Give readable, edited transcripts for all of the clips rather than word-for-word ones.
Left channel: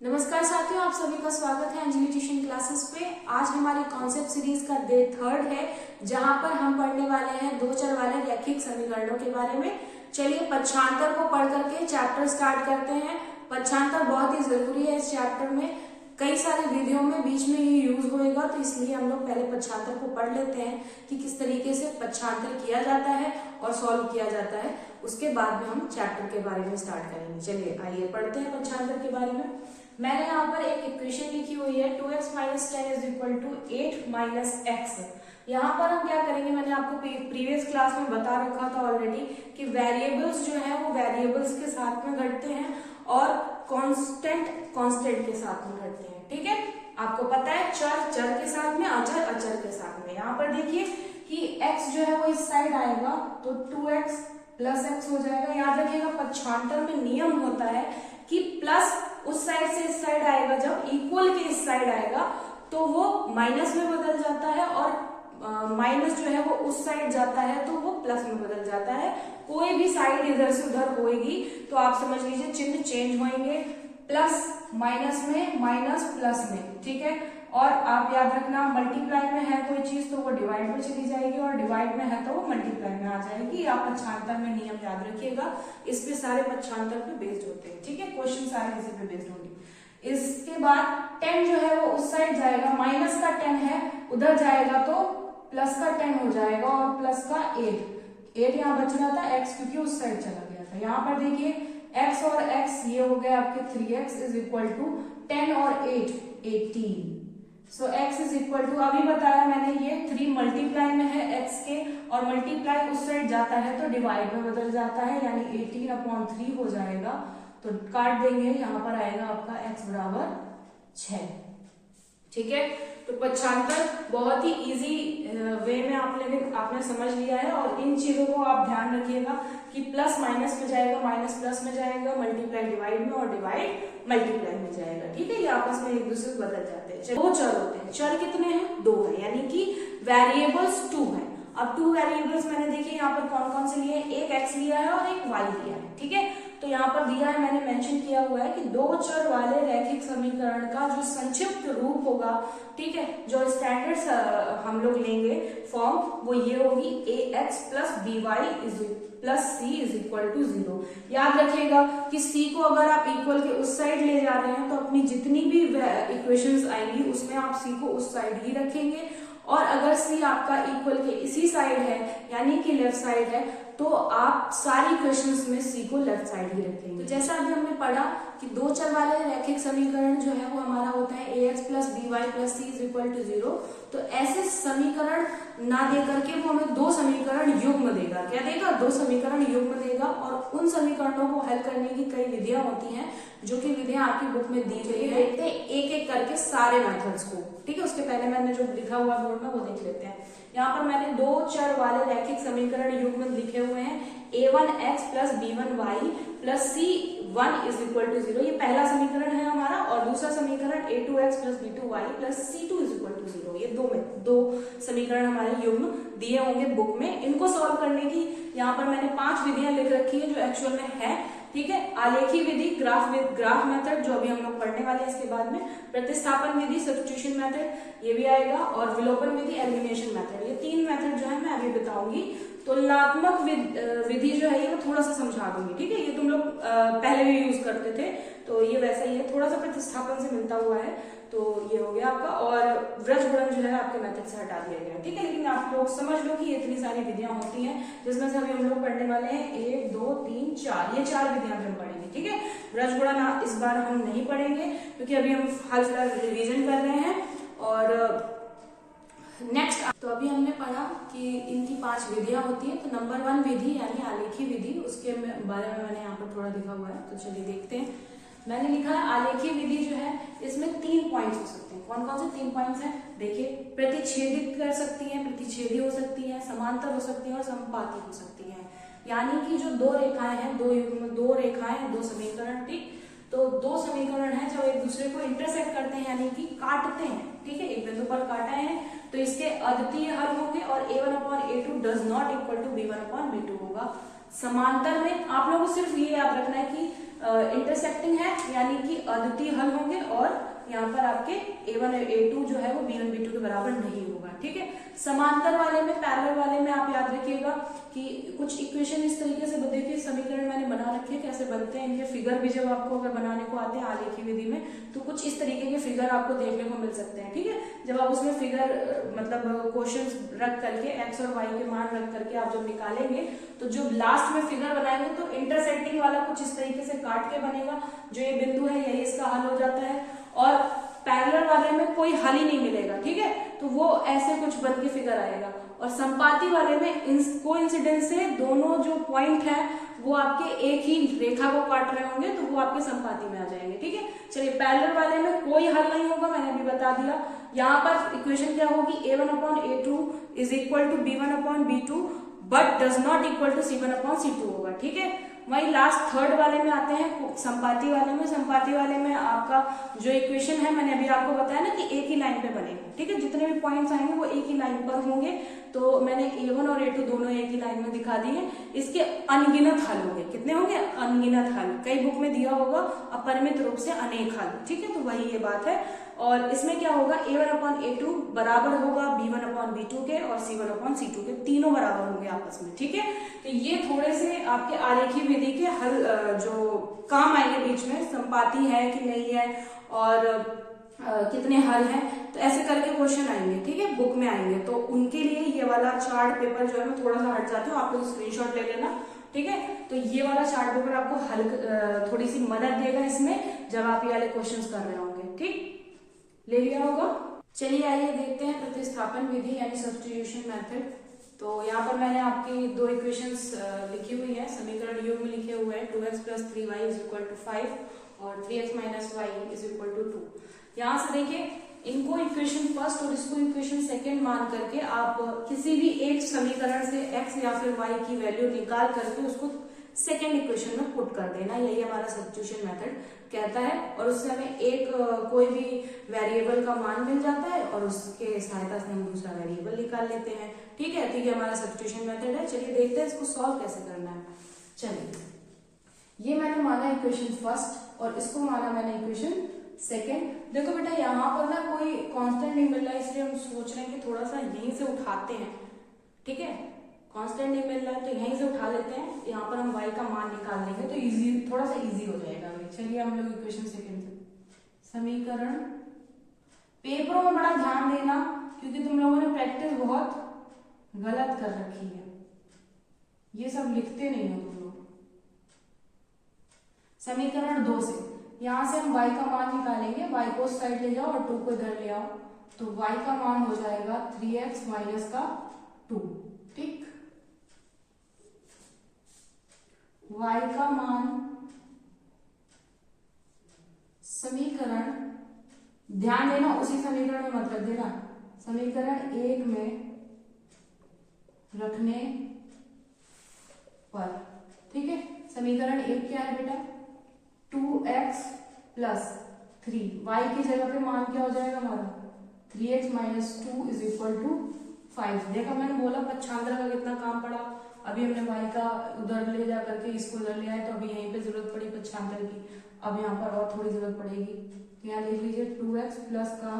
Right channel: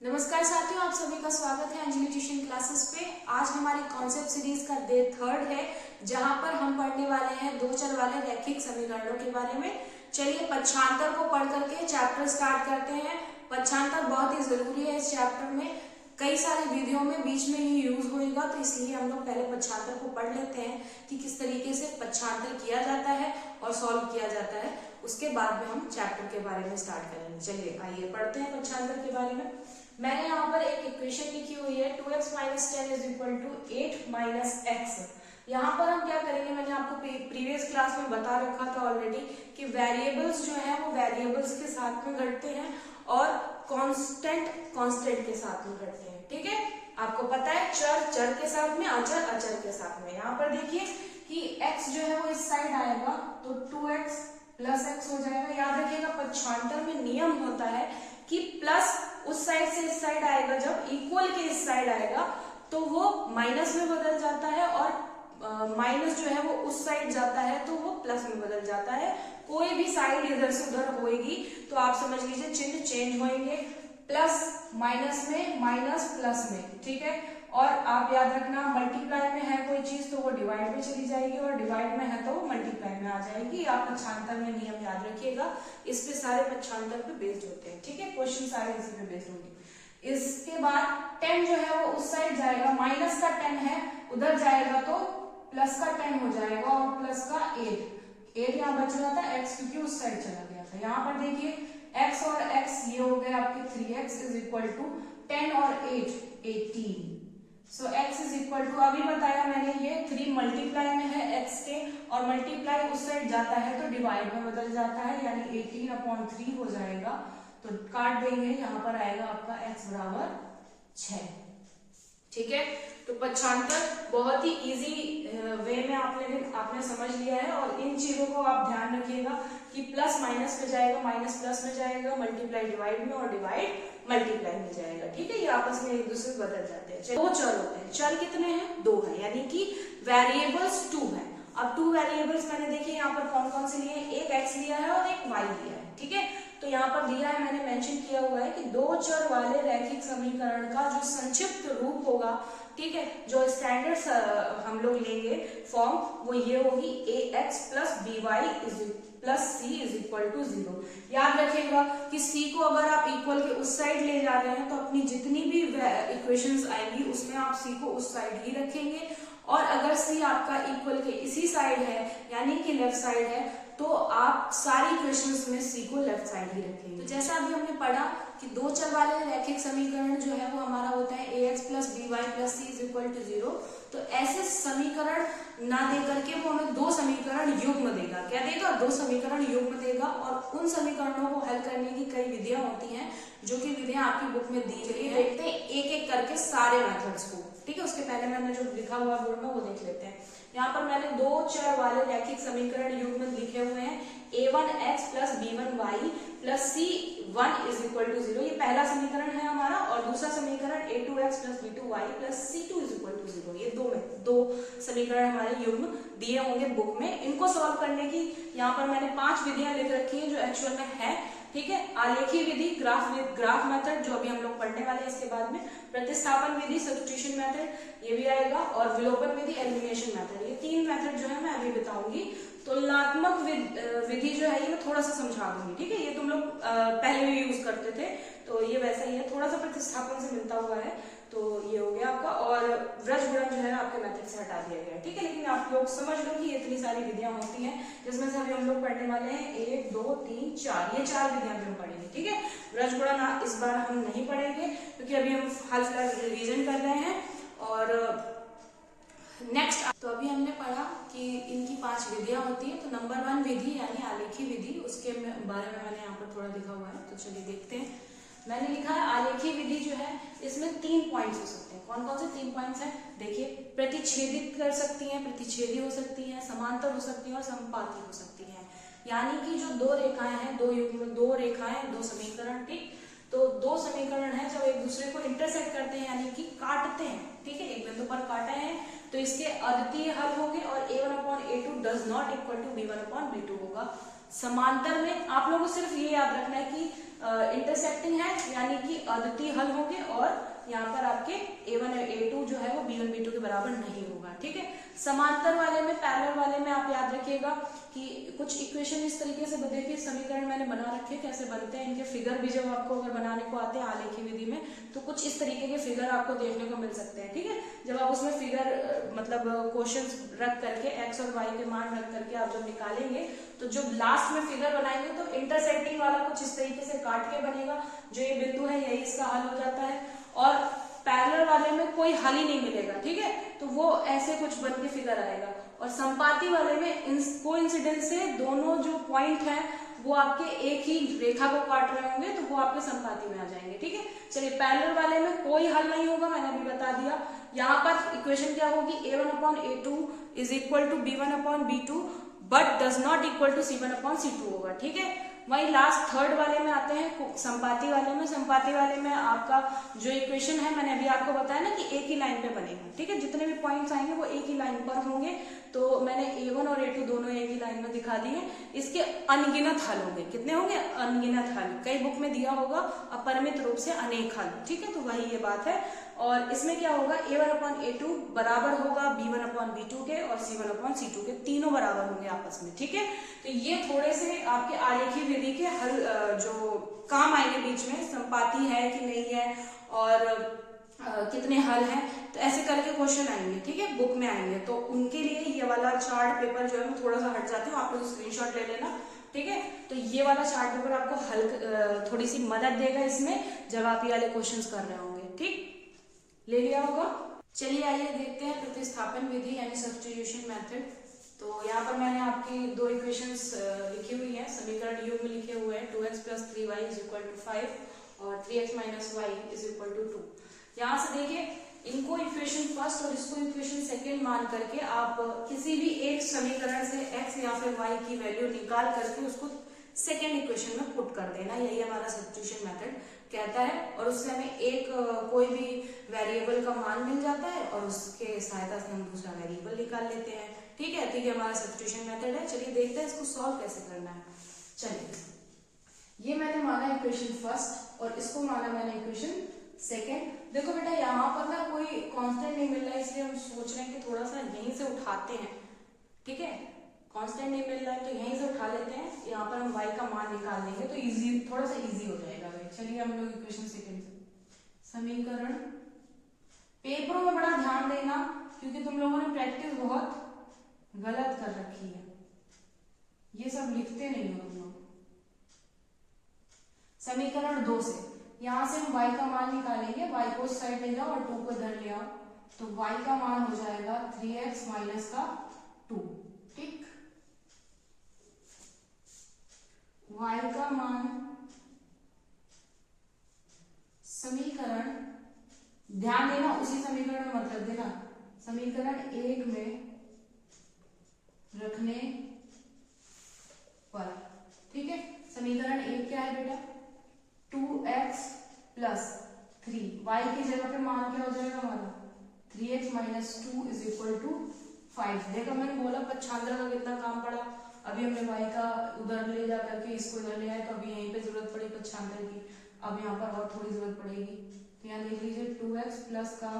नमस्कार साथियों, आप सभी का स्वागत है अंजलि ट्यूशन क्लासेस पे। आज हमारी कॉन्सेप्ट सीरीज का डे 3 है, जहां पर हम पढ़ने वाले हैं दो चर वाले रैखिक समीकरणों के बारे में। चलिए पक्षांतर को पढ़ करके चैप्टर स्टार्ट करते हैं। पक्षांतर बहुत ही जरूरी है इस चैप्टर में, कई सारी विधियों में बीच में ये यूज होएगा, तो इसलिए हम लोग पहले पक्षांतर को पढ़ लेते हैं कि किस तरीके से पक्षांतर किया जाता है और सॉल्व किया जाता है। उसके बाद में हम चैप्टर के बारे में स्टार्ट करेंगे। चलिए आइए पढ़ते हैं पक्षांतर के बारे में। मैंने यहाँ पर एक इक्वेशन लिखी हुई है 2x - 10 = 8 - x। यहाँ पर हम क्या करेंगे, मैंने आपको प्रीवियस क्लास में बता रखा था ऑलरेडी कि वेरिएबल्स जो है वो वेरिएबल्स के साथ में घटते हैं और कांस्टेंट के साथ में घटते हैं। ठीक है, आपको पता है चर के साथ में, अचर के साथ में। यहाँ पर देखिए कि x जो है वो इस साइड आएगा तो 2x + x हो जाएगा। याद रखिएगा पक्षांतर में नियम होता है कि प्लस उस साइड से इस साइड आएगा, जब इक्वल के इस साइड आएगा तो वो माइनस में बदल जाता है, और माइनस जो है वो उस साइड जाता है तो वो प्लस में बदल जाता है। कोई भी साइड इधर से उधर होएगी तो आप समझ लीजिए चिन्ह चेंज होंगे, प्लस माइनस में, माइनस प्लस में। ठीक है, और आप याद रखना मल्टीप्लाई में है कोई चीज तो वो डिवाइड में चली जाएगी, और डिवाइड में है तो वो मल्टीप्लाई में आ जाएगी। आप पक्षांतर में नियम याद रखिएगा, इस पे सारे पक्षांतर पे बेस्ड होते हैं। ठीक है, क्वेश्चन सारे इसी पे बेस्ड होंगे। इसके बाद 10 जो है वो उस साइड जाएगा, माइनस का 10 है उधर जाएगा तो प्लस का 10 हो जाएगा, और प्लस का 8 यहाँ बच रहा था x, क्योंकि उस साइड चला गया था। यहाँ पर देखिए x और x ये हो गए आपके 3x = 10 और 8 18। सो x अभी बताया मैंने ये 3 मल्टीप्लाई में है x के, और मल्टीप्लाई उस साइड जाता है तो डिवाइड में बदल जाता है, यानी 18/3 हो जाएगा। तो काट देंगे, यहाँ पर आएगा आपका x = 6। ठीक है, तो पक्षांतर बहुत ही इजी वे में आपने समझ लिया है, और इन चीजों को आप ध्यान रखिएगा कि प्लस माइनस में जाएगा, माइनस प्लस में जाएगा, मल्टीप्लाई डिवाइड में, और डिवाइड मल्टीप्लाई में जाएगा। ठीक है, ये आपस में एक दूसरे से बदल जाते हैं। दो चर होते हैं, चर कितने हैं? 2 हैं, यानी कि वेरिएबल्स 2 हैं। अब 2 वेरिएबल्स मैंने देखिए यहाँ पर कौन कौन से लिए हैं, एक x लिया है और एक y लिया है। ठीक है, तो यहाँ पर दिया है, मैंने मेंशन किया हुआ है कि दो चर वाले रैखिक समीकरण का जो संक्षिप्त रूप होगा, ठीक है, जो स्टैंडर्ड हम लोग लेंगे फॉर्म, वो ये होगी ax + by + c = 0। याद रखिएगा कि c को अगर आप इक्वल के उस साइड ले जा रहे हैं तो अपनी जितनी भी इक्वेशंस आएंगी उसमें आप c को उस साइड ही रखेंगे, और अगर c आपका इक्वल के इसी साइड है यानी कि लेफ्ट साइड है तो आप सारी इक्वेशंस में c को लेफ्ट साइड ही रखेंगे। तो जैसा अभी हमने पढ़ा कि दो चर वाले रैखिक समीकरण जो है वो हमारा होता है ax + by + c = 0। तो ऐसे समीकरण ना दे करके वो हमें दो समीकरण युग्म देगा। क्या देगा? दो समीकरण युग्म देगा, और उन समीकरणों को हल करने की कई विधियां होती हैं, जो कि विधियां आपकी बुक में दी गई है। देखते हैं एक एक करके सारे मेथड्स को। ठीक है, उसके पहले मैंने जो लिखा हुआ बोर्ड में वो देख लेते हैं। यहाँ पर मैंने दो चर वाले रैखिक समीकरण युग्म लिखे हुए हैं, a1x + b1y + c1 = 0। ये पहला समीकरण है हमारा, और दूसरा समीकरण a2x + b2y + c2 = 0। ये दो समीकरण हमारे युग्म दिए होंगे बुक में। इनको सॉल्व करने की यहाँ पर मैंने 5 विधियां लिख रखी है जो एक्चुअल में है। ठीक है, आलेखी विधि, ग्राफ मेथड जो अभी हम लोग पढ़ने वाले हैं इसके बाद में, प्रतिस्थापन विधि, सब्स्टिट्यूशन मेथड ये भी आएगा, और विलोपन विधि, एलिमिनेशन मेथड। ये 3 मेथड जो है मैं अभी बताऊंगी। तुलनात्मक विधि जो है ये मैं थोड़ा सा समझा दूंगी। ठीक है, ये तुम लोग पहले भी यूज करते थे तो ये वैसा ही है, थोड़ा सा प्रतिस्थापन से मिलता हुआ है। तो ये हो गया आपका, और व्रज गुणन जो है आपके मेथड से हटा दिया गया। ठीक है, लेकिन आप लोग समझ लो कि इतनी सारी विधियां होती हैं, जिसमें से अभी हम लोग पढ़ने वाले हैं 1 2 3 4, ये 4 विधियां हम पढ़ेंगे। ठीक है, व्रज गुणन इस बार हम नहीं पढ़ेंगे क्योंकि अभी हम हाल फिलहाल रिविजन कर रहे हैं। और नेक्स्ट, तो अभी हमने पढ़ा कि इनकी 5 विधियां होती हैं। तो नंबर 1 विधि यानी आलेखी विधि, उसके बारे में मैंने यहाँ पर थोड़ा लिखा हुआ है, तो चलिए देखते हैं। मैंने लिखा है आलेखी विधि जो है इसमें 3 पॉइंट्स हो सकते हैं। कौन कौन से 3 पॉइंट्स हैं? देखिए, प्रतिच्छेदित कर सकती हैं, प्रतिच्छेदी हो सकती हैं, समांतर हो सकती हैं, और समपाती हो सकती हैं। यानी कि जो दो रेखाएं हैं, दो रेखाएं, दो समीकरण, ठीक, तो दो समीकरण हैं जो एक दूसरे को इंटरसेक्ट करते हैं, यानी कि काटते हैं। ठीक है, एक बिंदु पर काटे हैं तो इसके अद्वितीय हल होंगे, और a1/a2 does not equal to b1/b2 होगा। समांतर में आप लोगों को सिर्फ ये याद रखना है कि इंटरसेक्टिंग है, यानी कि अद्वितीय हल होंगे, और यहाँ पर आपके a1 और a2 जो है वो b1 b2 के बराबर नहीं होगा। ठीक है, समांतर वाले में, पैरेलल वाले में आप याद रखिएगा कि कुछ इक्वेशन इस तरीके से, देखिए समीकरण मैंने बना रखे हैं, कैसे बनते हैं इनके फिगर भी जब आपको अगर बनाने को आते हैं आलेखी विधि में, तो कुछ इस तरीके के फिगर आपको देखने को मिल सकते हैं। ठीक है, जब आप उसमें फिगर मतलब क्वेश्चंस रख करके x और y के मान रख करके आप जब निकालेंगे, तो जो लास्ट में फिगर बनाएंगे तो इंटरसेक्टिंग वाला कुछ इस तरीके से काट के बनेगा, जो ये बिंदु है यही इसका हल हो जाता है, और पैरेलल वाले में कोई हल ही नहीं मिलेगा। ठीक है, तो वो ऐसे कुछ बन के फिगर आएगा, और संपाती वाले में कोइंसिडेंस से दोनों जो पॉइंट है वो आपके एक ही रेखा को काट रहे होंगे, तो वो आपके संपाती में आ जाएंगे। ठीक है, चलिए पैरेलल वाले में कोई हल नहीं होगा, मैंने अभी बता दिया। यहाँ पर इक्वेशन क्या होगी, a1/a2 is equal to b1/b2 but does not equal to c1/c2 होगा। ठीक है, वही लास्ट थर्ड वाले में आते हैं संपाती वाले में। संपाती वाले में आपका जो इक्वेशन है, मैंने अभी आपको बताया ना कि एक ही लाइन पे बनेगा। ठीक है, जितने भी पॉइंट्स आएंगे वो एक ही लाइन पर होंगे, तो मैंने a1 और a2 दोनों एक ही लाइन में दिखा दिए। इसके अनगिनत हल होंगे, कितने होंगे, अनगिनत हल, कई बुक में दिया होगा अपरिमित रूप से अनेक हल। ठीक है, तो वही ये बात है, और इसमें क्या होगा, a1/a2 बराबर होगा b1/b2 के, और c1/c2 के, तीनों बराबर होंगे आपस में। ठीक है, तो ये थोड़े से आपके आलेखी विधि के हल जो काम आएंगे बीच में, संपाती है कि नहीं है, और कितने हल हैं, तो ऐसे करके क्वेश्चन आएंगे। ठीक है, बुक में आएंगे, तो उनके लिए ये वाला चार्ट पेपर जो है मैं थोड़ा सा हट जाती हूँ, आप लोग स्क्रीनशॉट ले लेना। ठीक है, तो ये वाला चार्ट पेपर आपको हल थोड़ी सी मदद देगा इसमें, जब आप ये वाले क्वेश्चंस कर रहे होंगे। ठीक, ले लिया होगा। चलिए आइए देखते हैं प्रतिस्थापन विधि यानी सब्स्टिट्यूशन मेथड। तो यहाँ पर मैंने आपकी दो इक्वेशंस लिखी हुई है, समीकरण योग में लिखे हुए हैं, 2x + 3y = 5 और 3x - y = 2। यहाँ से देखिए, इनको इक्वेशन फर्स्ट और इसको इक्वेशन सेकंड मान करके आप किसी भी एक समीकरण से x या फिर y की वैल्यू निकाल करके उसको सेकेंड इक्वेशन में पुट कर देना, यही हमारा सब्स्टिट्यूशन मेथड कहता है। और उससे हमें एक कोई भी वेरिएबल का मान मिल जाता है, और उसके सहायता से हम दूसरा वेरिएबल निकाल लेते हैं। ठीक है, ठीक है, हमारा सब्स्टिट्यूशन मेथड है। चलिए देखते हैं इसको सॉल्व कैसे करना है। चलिए, ये मैंने माना इक्वेशन फर्स्ट और इसको माना मैंने इक्वेशन सेकेंड। देखो बेटा, यहाँ पर ना कोई कांस्टेंट नहीं मिल रहा है, इसलिए हम सोच रहे हैं कि थोड़ा सा यहीं से उठाते हैं। ठीक है, कांस्टेंट नहीं मिल रहा है तो यहीं से उठा लेते हैं, यहाँ पर हम y का मान निकाल लेंगे तो इजी, थोड़ा सा इजी हो जाएगा। चलिए हम लोग इक्वेशन सेकंड से समीकरण, पेपरों में बड़ा ध्यान देना क्योंकि तुम लोगों ने प्रैक्टिस बहुत गलत कर रखी है, ये सब लिखते नहीं हो तुम लोग। समीकरण 2 से यहां से हम y का मान निकालेंगे, y को उस साइड ले जाओ और 2 को इधर ले आओ, तो y का मान हो जाएगा 3x - 2। ठीक, y का मान समीकरण, ध्यान देना उसी समीकरण में मत रख देना, समीकरण 1 में रखने पर। ठीक है, समीकरण 1 क्या है बेटा, 2x + 3, y की जगह पे मान क्या हो जाएगा हमारा, 3x - 2 = 5। देखा मैंने बोला पक्षांतर का कितना काम पड़ा, अभी हमने y का उधर ले जा करके इसको इधर ले आए, तो अभी यहीं पे जरूरत पड़ी पक्षांतर की, अब यहाँ पर और थोड़ी जरूरत पड़ेगी। तो यहाँ देख लीजिए 2x प्लस का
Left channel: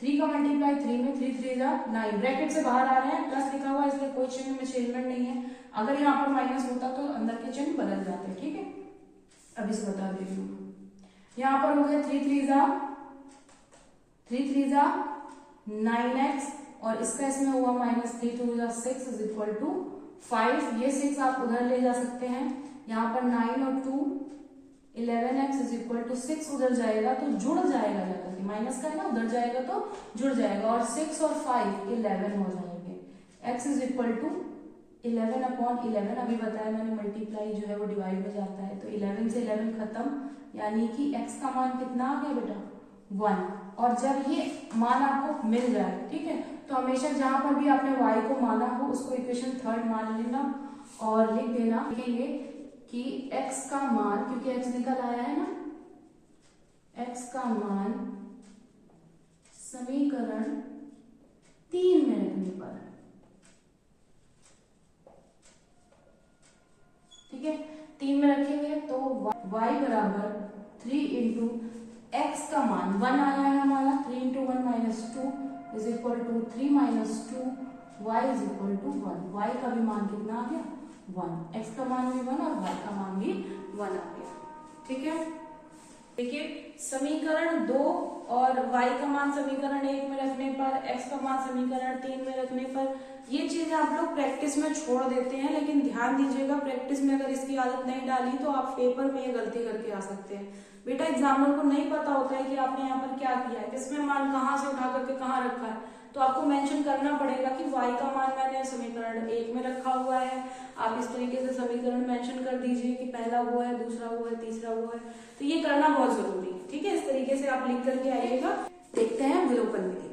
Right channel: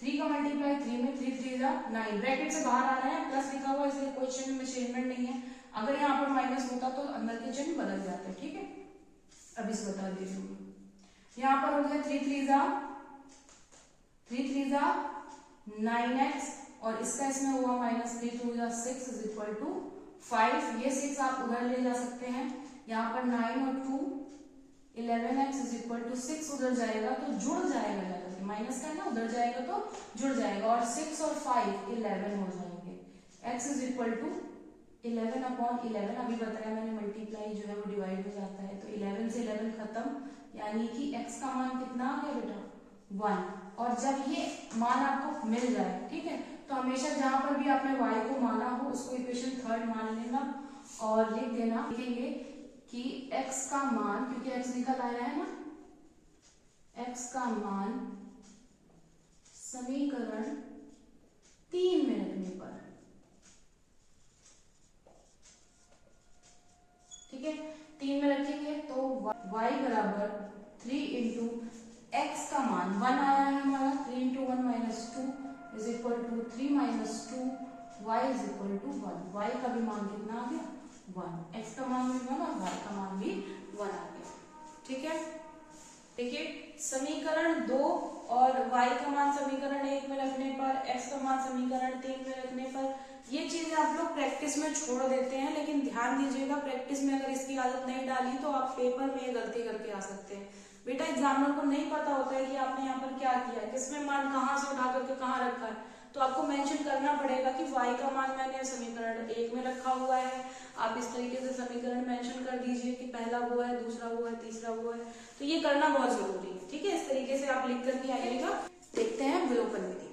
3 का मल्टीप्लाई 3 में, 3 3 9, ब्रैकेट से बाहर आ रहे हैं, प्लस लिखा हुआ इसलिए कोई चिन्ह में चेंजमेंट नहीं है। अगर यहाँ पर माइनस होता तो अंदर के चिन्ह बदल जाते। ठीक है, अभी से बता देती हूँ। यहाँ पर हो गया 3 3 9x, और इसका इसमें हुआ -3 2 6 = 5। ये 6 आप उधर ले जा सकते हैं, यहाँ पर 9 और 2 11x = 6 उधर जाएगा तो जुड़ जाएगा, जाकर के माइनस करना, उधर जाएगा तो जुड़ जाएगा, और 6 और 5 11 हो जाएंगे। x = 11/11, अभी बताया मैंने, मल्टीप्लाई जो है वो डिवाइड में जाता है, तो 11 से 11 खत्म, यानी कि x का मान कितना आ गया बेटा, 1। और जब ये मान आपको मिल जाए, ठीक है, तो हमेशा जहां पर भी आपने y को माना हो उसको इक्वेशन थर्ड मान लेना और लिख देना, लिखेंगे कि x का मान, क्योंकि x निकल आया है ना, x का मान समीकरण 3 में रखने पर, ठीक है, 3 में रखेंगे तो y = x का मान 1 आया है हमारा, 3 into 1 minus 2 is equal to 3 minus 2, y is equal to 1। y का भी मान कितना आ गया 1, x का मान भी 1 और y का मान भी 1 आ गया। ठीक है, देखिए समीकरण 2 और y का मान समीकरण 1 में रखने पर, x का मान समीकरण 3 में रखने पर, ये चीजें आप लोग प्रैक्टिस में छोड़ देते हैं, लेकिन ध्यान दीजिएगा प्रैक्टिस में अगर इसकी आदत नहीं डाली तो आप पेपर में ये गलती करके आ सकते हैं। बेटा एग्जामिनर को नहीं पता होता है कि आपने यहाँ पर क्या किया है, किसमें मान कहाँ से उठा करके कहाँ रखा है, तो आपको मेंशन करना पड़ेगा कि y का मान मैंने समीकरण 1 में रखा हुआ है। आप इस तरीके से समीकरण मेंशन कर दीजिए कि पहला वो है, दूसरा वो है, तीसरा वो है, तो ये करना बहुत जरूरी है। ठीक है, इस तरीके से आप लिख करके आइएगा। देखते हैं विलोपन विधि।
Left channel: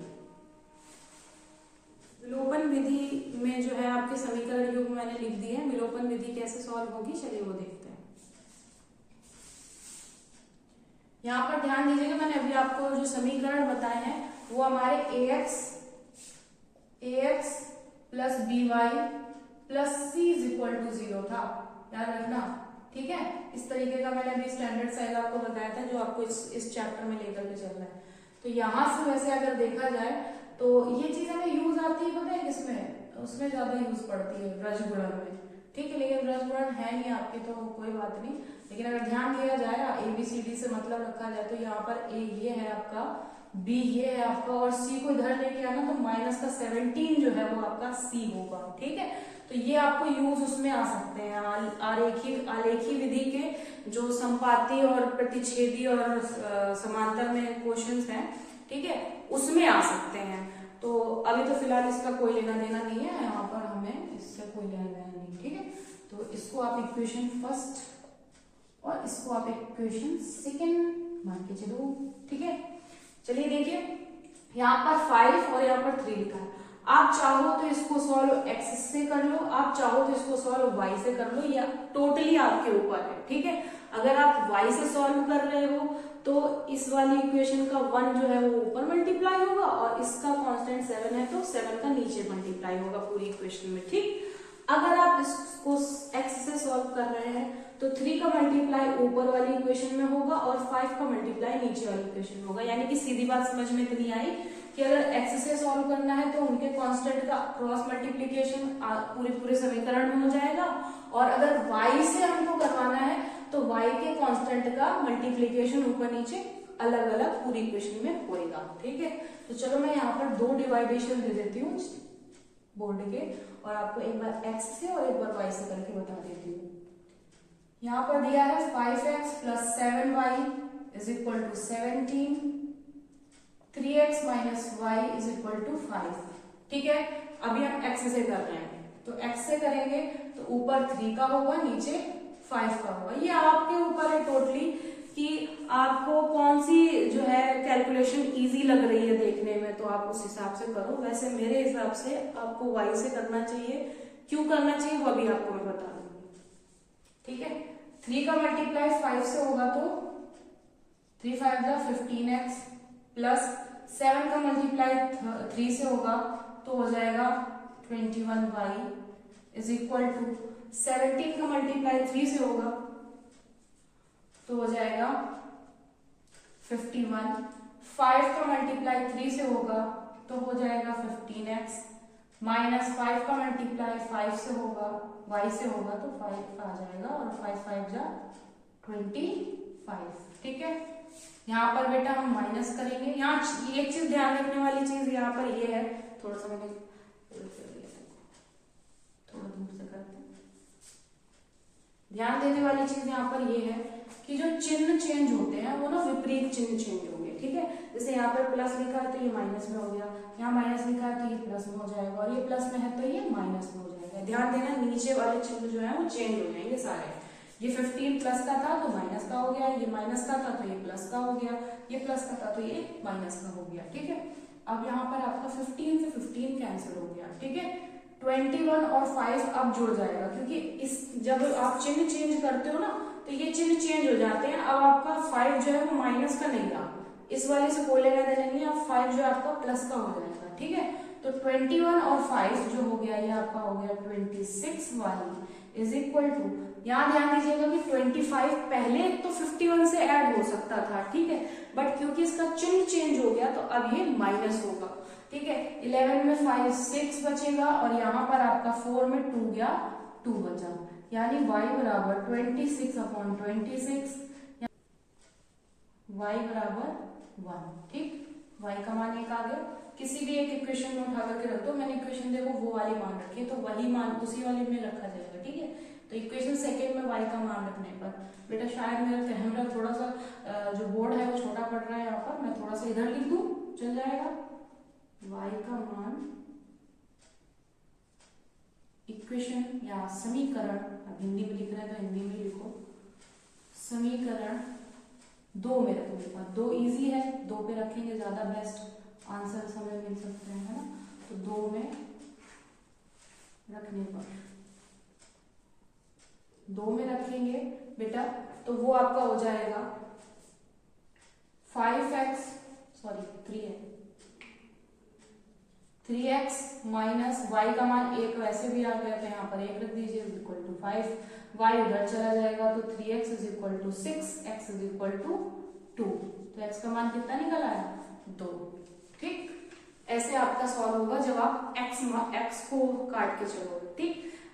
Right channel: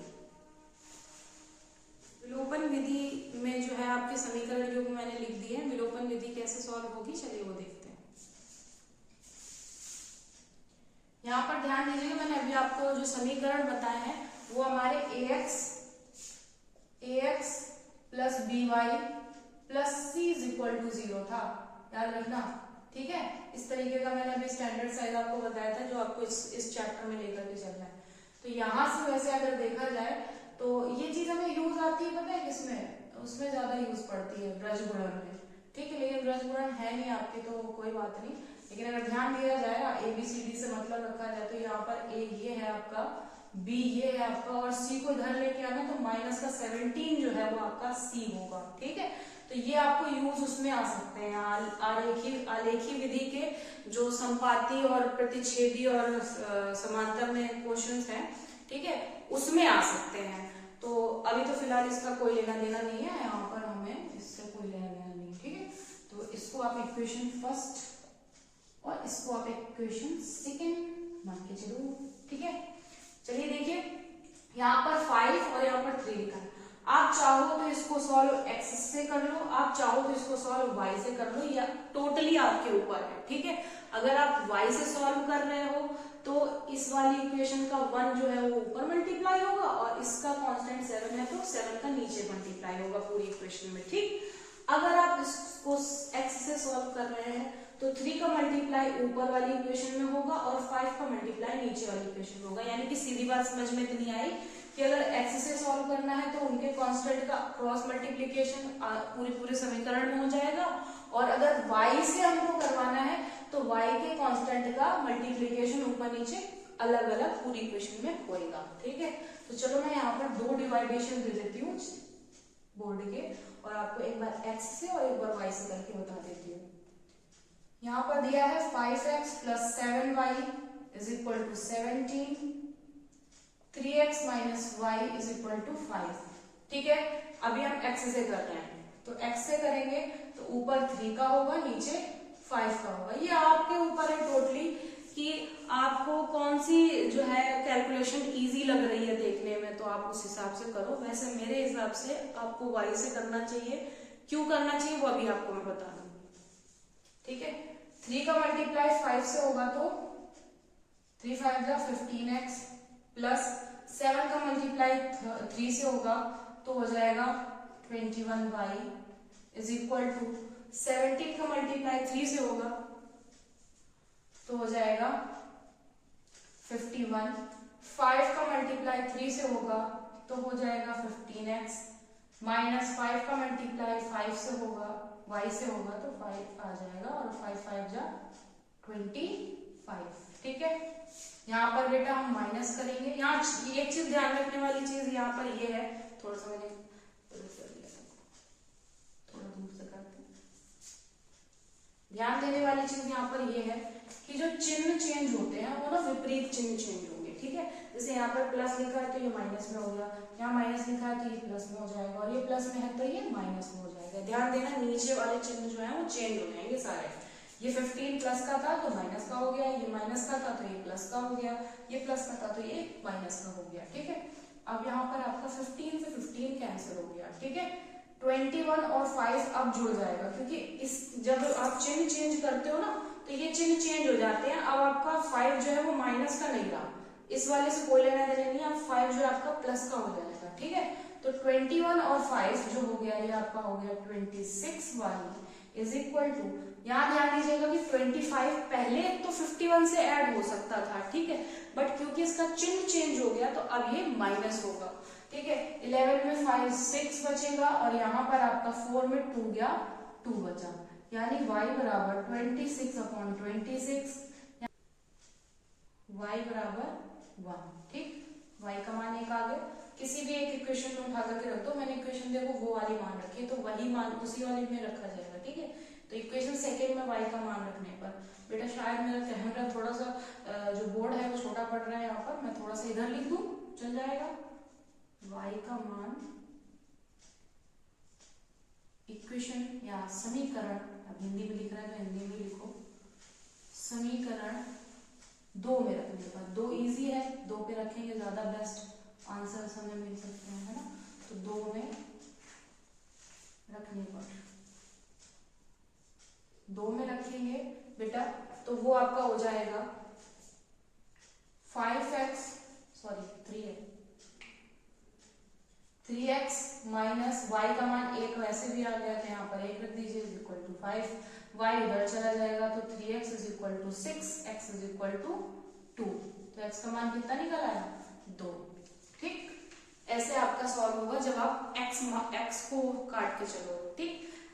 विलोपन विधि में जो है आपके समीकरण युग्म मैंने लिख दिए हैं, विलोपन विधि कैसे सॉल्व होगी चलिए वो देखते हैं। यहाँ पर ध्यान दीजिएगा, मैंने अभी आपको जो समीकरण बताए हैं वो हमारे ax plus by plus c is equal to 0 था, याद रखना। ठीक है, इस तरीके का मैंने अभी स्टैंडर्ड साइज आपको बताया था जो आपको इस चैप्टर में लेकर के चल रहा है। तो यहाँ से वैसे अगर देखा जाए तो ये चीज हमें यूज आती है, पता है किसमें, उसमें ज्यादा यूज पड़ती है ब्रजगुणन में। ठीक है, लेकिन ब्रजगुणन है नहीं आपके तो कोई बात नहीं, लेकिन अगर ध्यान दिया जाएगा ABCD से मतलब रखा जाए तो यहाँ पर A ये है आपका, B ये है आपका, और C को इधर लेके आना तो माइनस का 17 जो है वो आपका C होगा। ठीक है, तो ये आपको यूज उसमें आ सकते हैं, आलेखी विधि के जो संपाती और प्रतिच्छेदी और समांतर में क्वेश्चंस हैं, ठीक है, उसमें आ सकते हैं। तो अभी तो फिलहाल इसका कोई लेना देना नहीं है, यहाँ पर हमें इससे कोई लेना देना नहीं। ठीक है, तो इसको आप इक्वेशन फर्स्ट और इसको आप इक्वेशन सेकंड मान के चलो। ठीक है, चलिए देखिए यहाँ पर 5 और यहाँ पर 3 लिखा है। आप चाहो तो इसको सॉल्व x से कर लो, आप चाहो तो इसको सॉल्व y से कर लो, या टोटली आपके ऊपर है। ठीक है, अगर आप y से सॉल्व कर रहे हो तो इस वाली इक्वेशन का 1 जो है वो ऊपर मल्टीप्लाई होगा और इसका कांस्टेंट 7 है तो 7 का नीचे मल्टीप्लाई होगा पूरी इक्वेशन में। ठीक, अगर आप इसको x से सॉल्व कर रहे हैं तो 3 का मल्टीप्लाई ऊपर वाली इक्वेशन में होगा और 5 का मल्टीप्लाई नीचे वाली इक्वेशन में होगा। यानी कि सीधी बात समझ में इतनी आई कि अगर x से सॉल्व करना है तो उनके कांस्टेंट का क्रॉस मल्टीप्लिकेशन पूरे समीकरण में हो जाएगा, और अगर y से हमको करवाना है तो y के कांस्टेंट का मल्टीप्लिकेशन ऊपर नीचे अलग अलग पूरी इक्वेशन में होएगा। ठीक है, तो चलो मैं यहाँ पर 2 डिवाइडेशन दे देती हूँ बोर्ड के, और आपको एक बार x से और एक बार y से करके बता देती हूँ। यहाँ पर दिया है 5x plus 7y is equal to 17, 3x minus y is equal to 5। ठीक है, अभी हम x से कर रहे हैं तो x से करेंगे तो ऊपर 3 का होगा, नीचे 5 का होगा। ये आपके ऊपर है टोटली कि आपको कौन सी जो है कैलकुलेशन इजी लग रही है देखने में, तो आप उस हिसाब से करो। वैसे मेरे हिसाब से आपको y से करना चाहिए, क्यों करना चाहिए वो अभी आपको मैं बता दूंगी। ठीक है, 3 का मल्टीप्लाई 5 से होगा तो 3 5 जा 15x प्लस 7 का मल्टीप्लाई 3 से होगा तो हो जाएगा 21y इज इक्वल टू 17 का मल्टीप्लाई 3 से होगा तो हो जाएगा 51, 5 का मल्टीप्लाई 3 से होगा तो हो जाएगा 15x, माइनस 5 का मल्टीप्लाई 5 से होगा y से होगा तो 5 आ जाएगा, और 5 5 जा 25। ठीक है, यहाँ पर बेटा हम माइनस करेंगे। यहाँ एक चीज ध्यान रखने वाली चीज यहाँ पर ये है, थोड़ा सा मैंने थोड़ा दूर से करते हैं, ध्यान देने वाली चीज यहाँ पर ये है कि जो चिन्ह चेंज होते हैं वो ना विपरीत चिन्ह चेंज होंगे। ठीक है, जैसे यहाँ पर प्लस लिखा है तो ये माइनस में हो गया, यहाँ माइनस लिखा है तो ये प्लस में हो जाएगा, और ये प्लस में है तो ये माइनस में हो जाएगा। ध्यान देना, नीचे वाले चिन्ह जो है वो चेंज हो जाएंगे सारे। ये 15 प्लस का था तो माइनस का हो गया, ये माइनस का था तो ये प्लस का हो गया, ये प्लस का था तो ये माइनस का हो गया। ठीक है, अब यहाँ पर आपका 15 से 15 कैंसिल हो गया। ठीक है, 21 और 5 अब जुड़ जाएगा, क्योंकि इस जब आप चिन्ह चेंज करते हो ना तो ये चिन्ह चेंज हो जाते हैं। अब आपका 5 जो है वो माइनस का नहीं रहा, इस वाले से कोई लेना देना नहीं है, अब 5 जो आपका प्लस का हो जाएगा। ठीक है, तो 21 और 5 जो हो गया ये आपका हो गया 26y इज इक्वल टू, यहाँ ध्यान दीजिएगा कि 25 पहले तो 51 से ऐड हो सकता था, ठीक है, बट क्योंकि इसका चिन्ह चेंज हो गया तो अब ये माइनस होगा, ठीक है। 11 में 5 6 बचेगा और यहाँ पर आपका 4 में 2 गया, 2 बचा, यानी y बराबर 26/26, y बराबर 1, ठीक। y का मान एक आ गया। किसी भी एक इक्वेशन में उठा करके रख दो, मैंने इक्वेशन देखो वो वाली मान रखी है तो वही मान उसी वाले में रखा जाएगा, ठीक है। तो इक्वेशन सेकेंड में y का मान रखने पर बेटा शायद मेरा कैमरा थोड़ा सा जो बोर्ड है वो छोटा पड़ रहा है, यहाँ पर मैं थोड़ा सा इधर लिख दूं, चल जाएगा। y का मान इक्वेशन या समीकरण, अब हिंदी में लिख रहे हैं तो हिंदी में लिखो, समीकरण 2 में रखने पर, 2 इजी है, 2 पे रखेंगे ज्यादा बेस्ट आंसर हमें मिल सकते हैं, है ना। तो 2 में रखने पर, 2 में रखेंगे बेटा तो वो आपका हो जाएगा 5x, sorry 3x minus y का मान 1 वैसे भी आ गया तो यहाँ पर 1 रख दीजिए, इज इक्वल टू 5, y उधर चला जाएगा तो 3x is equal to 6, x is equal to 2, तो x का मान कितना निकल आया, 2, ठीक। ऐसे आपका सॉल्व होगा जब आप x को काट के चलोगे, ठीक।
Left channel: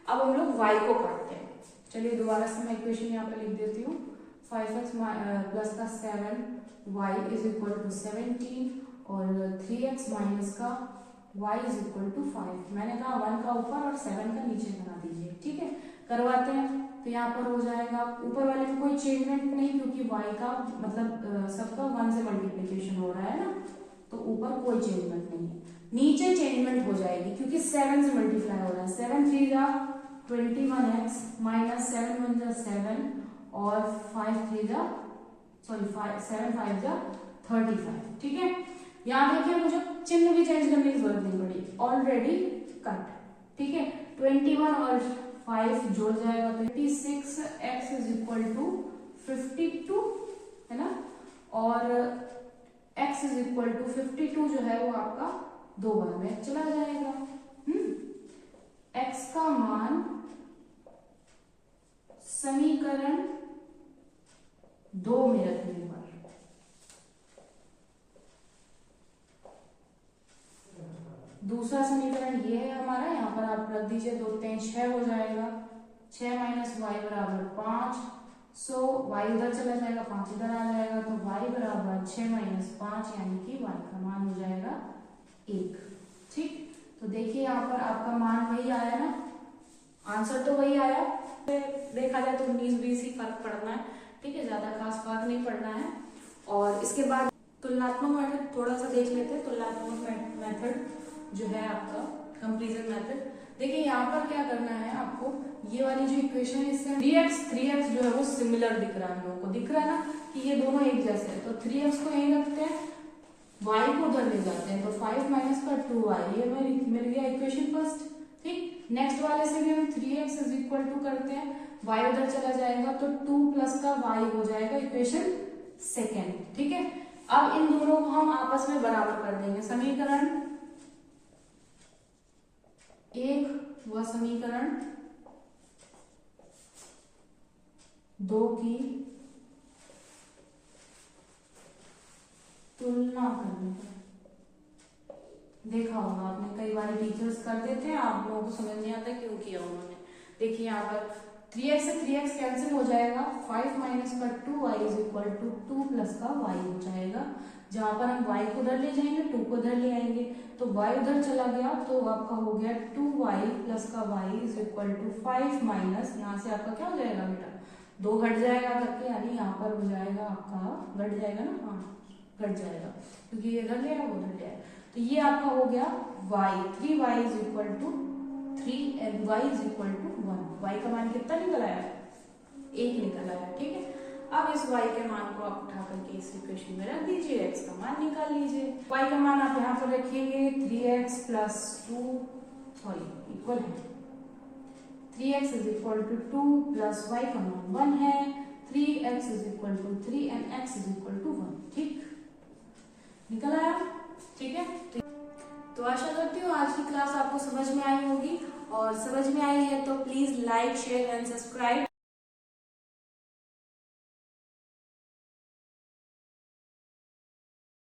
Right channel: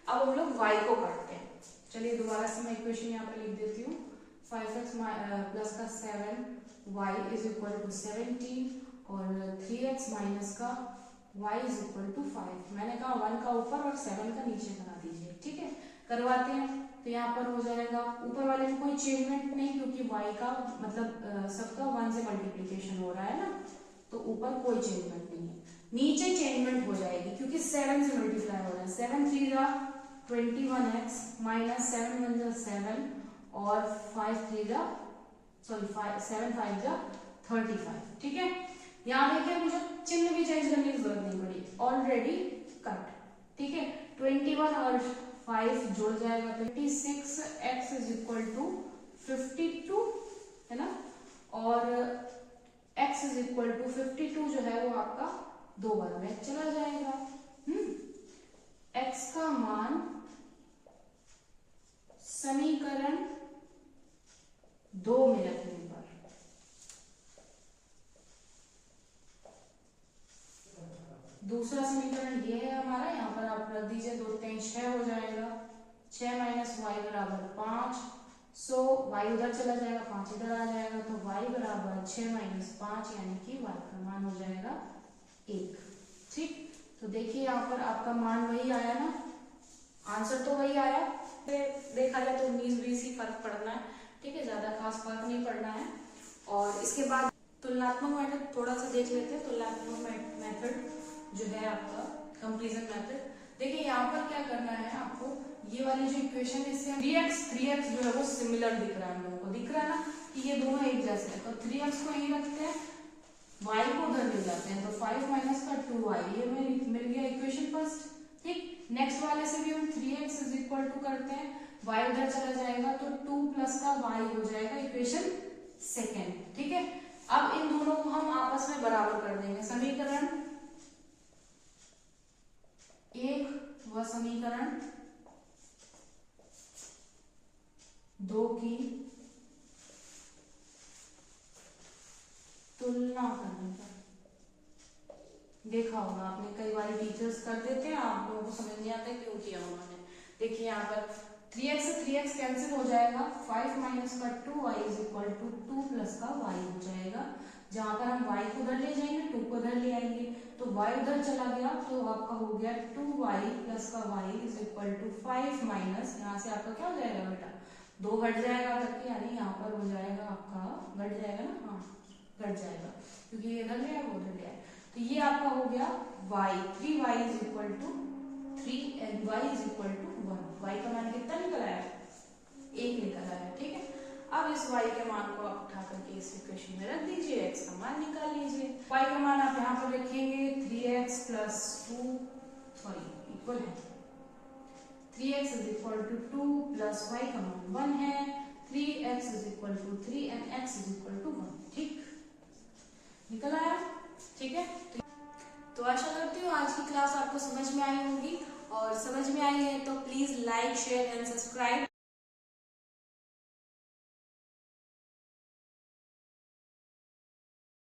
अब हम लोग y को काटते हैं, चलिए दोबारा से मैं इक्वेशन यहाँ पे लिख देती हूँ। 5x प्लस का 7 y इज इक्वल टू 17 और 3x माइनस का y इज इक्वल टू 5। मैंने कहा 1 का ऊपर और 7 का नीचे बना दीजिए, ठीक है। करवाते हैं तो यहाँ पर हो जाएगा, ऊपर वाले में कोई चेंजमेंट नहीं क्योंकि y का मतलब सबका 1 से मल्टीप्लीकेशन हो रहा है ना, तो ऊपर कोई चेंजमेंट नहीं है। नीचे चेंजमेंट हो जाएगी क्योंकि 7 से मल्टीप्लाई हो रहा है, 7 3 जा 21x माइनस 7 1 जा 7 और 5 3 जा सॉरी 7 5 जा 35, ठीक है। यहाँ देखिए मुझे चिन्ह भी चेंज करने की जरूरत नहीं पड़ी, ऑलरेडी कट, ठीक है। 21 और 5 जुड़ जाएगा तो 26x इज इक्वल टू 52, है ना, और x इज इक्वल टू 52 जो है वो आपका 2 बार में चला जाएगा। x का मान समीकरण 2 में रखने पर, दूसरा समीकरण ये है हमारा, यहाँ पर आप रख दीजिए, 2 3 6 हो जाएगा, 6 माइनस वाई बराबर 5, सो y उधर चला जाएगा, 5 इधर आ जाएगा तो y बराबर 6 माइनस 5 यानी कि y का मान हो जाएगा 1, ठीक। तो देखिए यहाँ पर आपका मान वही आया ना, आंसर तो वही आया, देखा जाए तो 19-20 ही फर्क पड़ना है, ठीक है, ज्यादा खास फर्क नहीं पड़ना है। और इसके बाद तुलनात्मक मेथड थोड़ा सा देख लेते हैं। तुलनात्मक मेथड जो है आपका कंपैरिजन मेथड, देखिए यहाँ पर क्या करना है आपको, ये वाली जो इक्वेशन है इससे 3x जो है वो सिमिलर दिख रहा है, हम लोगों को दिख रहा है ना कि ये दोनों एक जैसे हैं, तो 3x को यहीं रखते हैं, y को उधर ले जाते हैं, तो 5 माइनस का 2y, ये मिल गया इक्वेशन फर्स्ट, ठीक। नेक्स्ट वाले से भी हम 3x इज इक्वल टू करते हैं, y उधर चला जाएगा तो 2 प्लस का y हो जाएगा इक्वेशन सेकेंड, ठीक है। अब इन दोनों को हम आपस में बराबर कर देंगे, समीकरण 1 व समीकरण 2 की तुलना करने पर, देखा होगा आपने कई बार टीचर्स कर देते हैं, आप लोगों को समझ नहीं आता क्यों किया उन्होंने। देखिए यहाँ पर 3x से 3x कैंसिल हो जाएगा, 5 माइनस का 2y is equal to 2 plus का y हो जाएगा, जहां पर हम y को उधर ले जाएंगे 2 को उधर ले आएंगे, तो y उधर चला गया तो आपका हो गया 2y प्लस का y is equal to 5 minus, यहाँ से आपका क्या हो जाएगा बेटा, 2 घट जाएगा करके, यानी यहाँ पर हो जाएगा आपका घट जाएगा ना, हाँ घट जाएगा क्योंकि ये इधर ले आया वो उधर ले आया, तो ये आपका हो गया y, 3y is equal to 3 and y is equal to 1, y का मान कितना निकल आया, 1 निकल आया, ठीक है। अब इस y के मान को आप उठा करके इस इक्वेशन में रख दीजिए, x का मान निकाल लीजिए, y का मान आप यहाँ पर रखेंगे 3x प्लस 2 सॉरी इक्वल है 3x is equal to 2 plus y का मान 1 है, 3x is equal to 3 and x is equal to 1, ठीक निकल आया, ठीक है। तो आशा करती हूँ आज की क्लास आपको समझ में आई होगी, और समझ में आई है तो please like share and subscribe.